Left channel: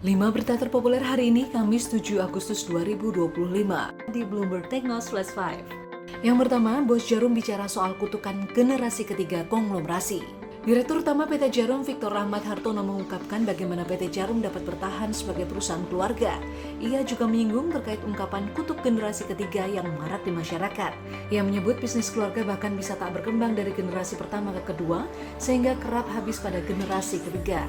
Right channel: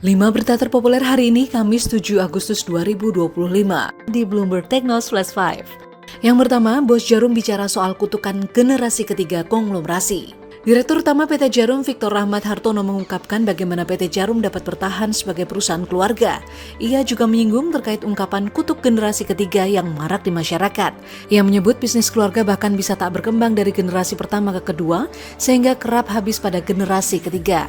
5 berita terpopuler hari ini, Kamis 7 Agustus 2025 di Bloomberg Technos Flash 5. Yang pertama, Bos Jarum bicara soal kutukan generasi ketiga konglomerasi. Direktur Utama PT Jarum Victor Rahmat Hartono mengungkapkan bagaimana PT Jarum dapat bertahan sebagai perusahaan keluarga. Ia juga menyinggung terkait ungkapan kutuk generasi ketiga yang marak di masyarakat. Ia menyebut bisnis keluarga bahkan bisa tak berkembang dari generasi pertama ke kedua, sehingga kerap habis pada generasi ketiga.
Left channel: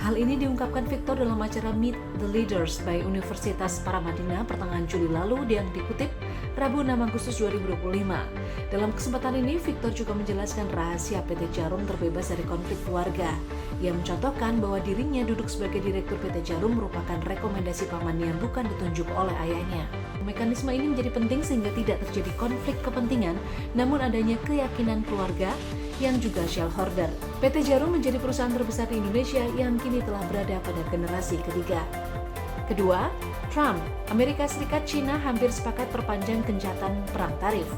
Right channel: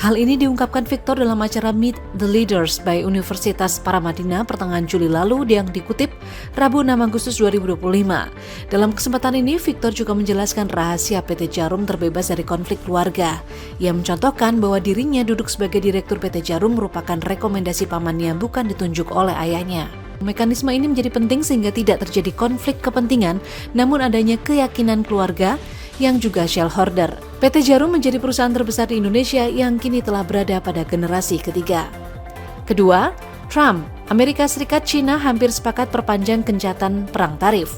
Hal ini diungkapkan Victor dalam acara Meet the Leaders by Universitas Paramadina pertengahan Juli lalu yang dikutip Rabu 6 Agustus 2025. Dalam kesempatan ini, Victor juga menjelaskan rahasia PT Jarum terbebas dari konflik keluarga. Ia mencontohkan bahwa dirinya duduk sebagai direktur PT Jarum merupakan rekomendasi pamannya, bukan ditunjuk oleh ayahnya. Mekanisme ini menjadi penting sehingga tidak terjadi konflik kepentingan, namun adanya keyakinan keluarga yang juga shareholder. PT Jarum menjadi perusahaan terbesar di Indonesia yang kini telah berada pada generasi ketiga. Kedua, Trump, Amerika Serikat, China hampir sepakat perpanjang gencatan perang tarif.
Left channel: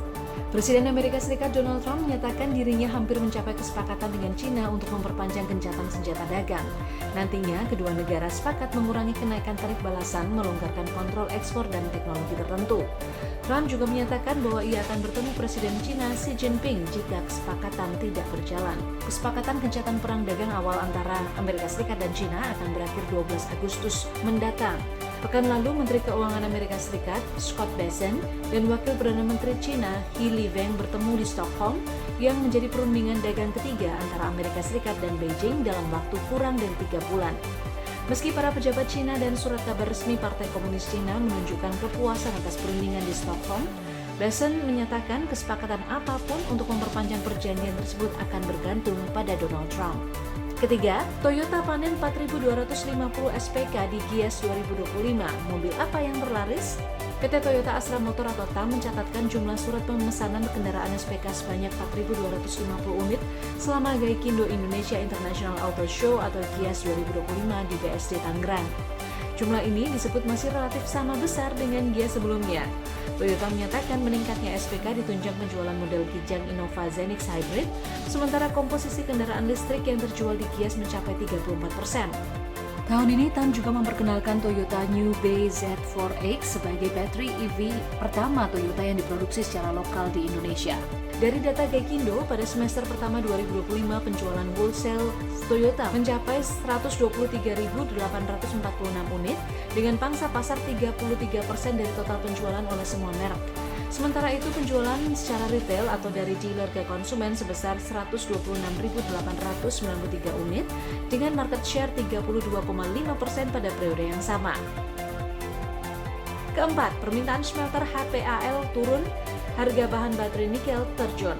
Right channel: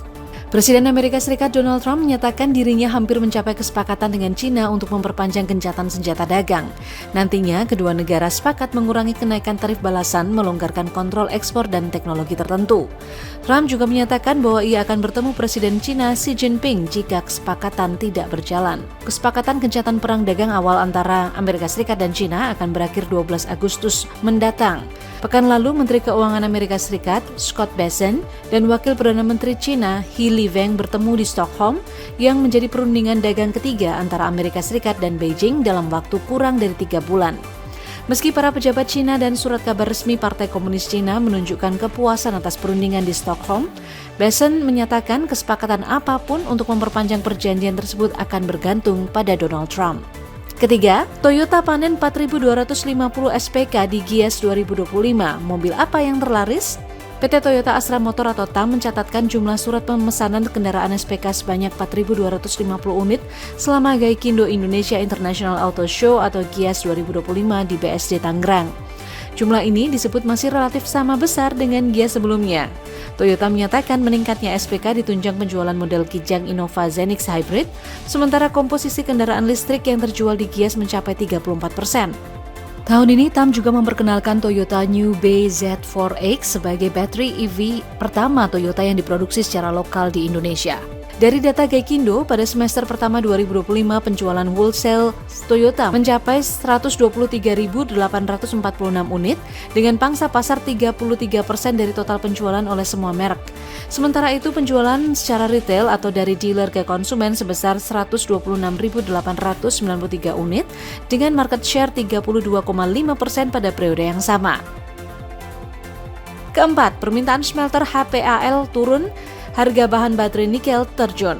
Presiden Amerika Serikat Donald Trump menyatakan dirinya hampir mencapai kesepakatan dengan China untuk memperpanjang gencatan senjata dagang. Nantinya, kedua negara sepakat mengurangi kenaikan tarif balasan, melonggarkan kontrol ekspor dan teknologi tertentu. Trump juga menyatakan bahwa ia akan bertemu Presiden China Xi Jinping jika kesepakatan tidak berjalan. Kesepakatan gencatan perang dagang awal antara Amerika Serikat dan China akan berakhir 12 Agustus mendatang. Pekan lalu, Menteri Keuangan Amerika Serikat Scott Bessent dan Wakil Perdana Menteri China He Lifeng bertemu di Stockholm yang menjadi perundingan dagang ketiga antara Amerika Serikat dan Beijing dalam waktu kurang dari 3 bulan. Meski para pejabat China dan surat kabar resmi Partai Komunis China menunjukkan kepuasan atas perundingan di Stockholm, Bessent menyatakan kesepakatan apapun untuk memperpanjang perjanjian tersebut akan bergantung pada Donald Trump. Ketiga, Toyota panen 4.250 SPK di Gias 2025. Mobil apa yang terlaris? PT Toyota Astra Motor atau TAM mencatatkan jumlah surat pemesanan kendaraan SPK sebanyak 4.250 unit selama Gaikindo Indonesia International Auto Show atau Gias 2025 di BSD Tangerang. Jumlah ini disebut masih relatif sama besar dengan Gias sebelumnya. Toyota menyatakan meningkatnya SPK ditunjang penjualan model Kijang Innova Zenix Hybrid, sementara komposisi kendaraan listrik yang terjual di Gias mencapai 34%. Tahun ini, TAM juga memperkenalkan Toyota New Bay Z4X sebagai baterai EV pertama Toyota yang diproduksi secara lokal di Indonesia. Dari data Gaikindo, pada semester pertama 2025 penjualan wholesale Toyota mencapai 123.846 unit dengan pangsa pasar 33% dari total penjualan oleh semua merek. Sementara itu penjualan secara retail atau dari dealer ke konsumen sebesar 126.893 unit dengan market share 32,5% pada periode yang sama. Keempat, permintaan smelter HPAL turun, harga bahan baterai nikel terjun.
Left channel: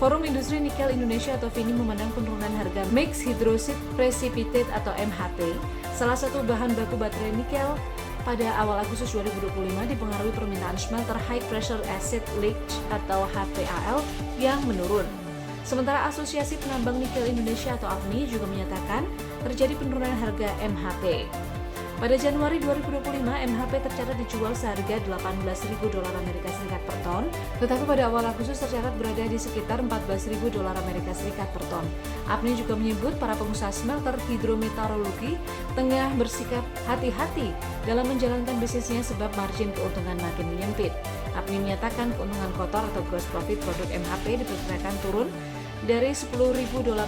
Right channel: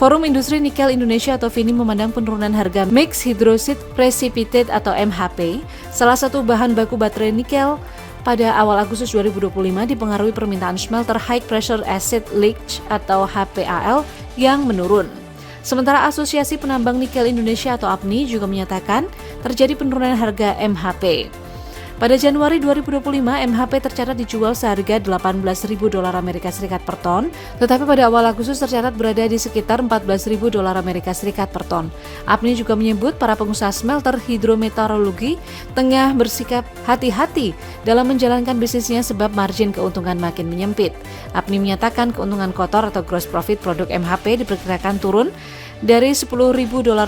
Forum Industri Nikel Indonesia atau FINI memandang penurunan harga Mixed Hydroxide Precipitate atau MHP, salah satu bahan baku baterai nikel, pada awal Agustus 2025 dipengaruhi permintaan smelter High Pressure Acid Leach atau HPAL yang menurun. Sementara Asosiasi Penambang Nikel Indonesia atau APNI juga menyatakan terjadi penurunan harga MHP. Pada Januari 2025, MHP tercatat dijual seharga $18.000 Amerika Serikat per ton, tetapi pada awal Agustus tercatat berada di sekitar $14.000 Amerika Serikat per ton. APNI juga menyebut para pengusaha smelter hidrometeorologi tengah bersikap hati-hati dalam menjalankan bisnisnya sebab margin keuntungan makin menyempit. APNI menyatakan keuntungan kotor atau gross profit produk MHP diperkirakan turun dari $10.000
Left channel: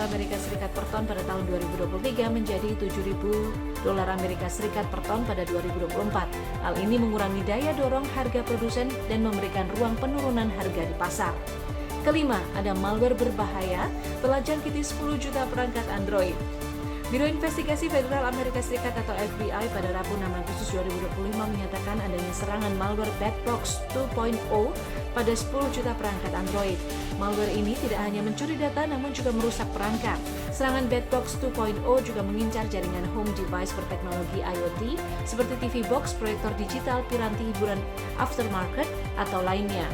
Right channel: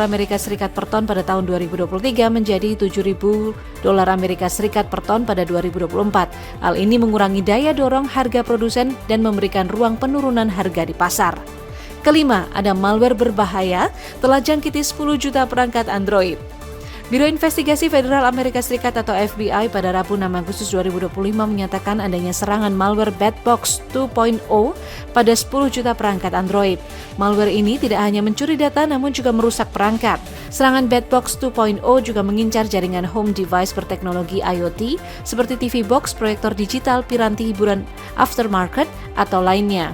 Amerika Serikat per ton pada tahun 2023 menjadi $7.000 Amerika Serikat per ton pada 2024. Hal ini mengurangi daya dorong harga produsen dan memberikan ruang penurunan harga di pasar. Kelima, ada malware berbahaya telah jangkiti 10 juta perangkat Android. Biro Investigasi Federal Amerika Serikat atau FBI pada Rabu 6 Agustus 2025 menyatakan adanya serangan malware Bedbox 2.0 pada 10 juta perangkat Android. Malware ini tidak hanya mencuri data namun juga merusak perangkat. Serangan Bedbox 2.0 juga mengincar jaringan home device berteknologi IoT seperti TV box, proyektor digital, piranti hiburan aftermarket, atau lainnya.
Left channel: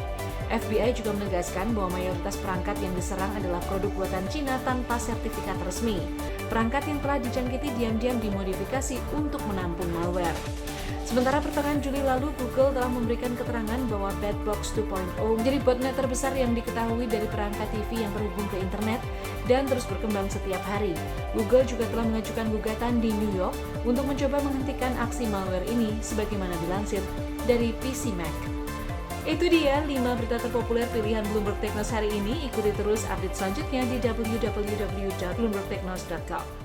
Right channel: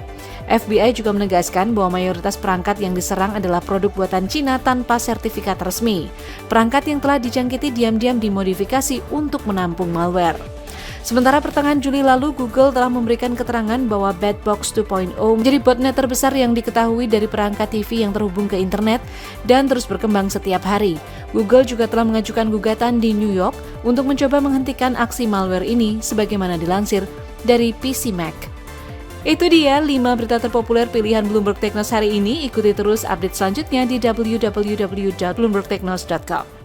FBI juga menegaskan bahwa mayoritas perangkat yang diserang adalah produk buatan Cina tanpa sertifikat resmi. Perangkat yang telah dijangkiti diam-diam dimodifikasi untuk menampung malware. Sementara pertengahan Juli lalu, Google telah memberikan keterangan bahwa Bedbox 2.0 menjadi botnet terbesar yang diketahui dari perangkat TV yang terhubung ke internet dan terus berkembang setiap hari. Google juga telah mengajukan gugatan di New York untuk mencoba menghentikan aksi malware ini sebagaimana dilansir dari PC Mag. Itu dia 5 berita terpopuler pilihan Bloomberg Technos hari ini. Ikuti terus update selanjutnya di www.bloombergtechnos.com.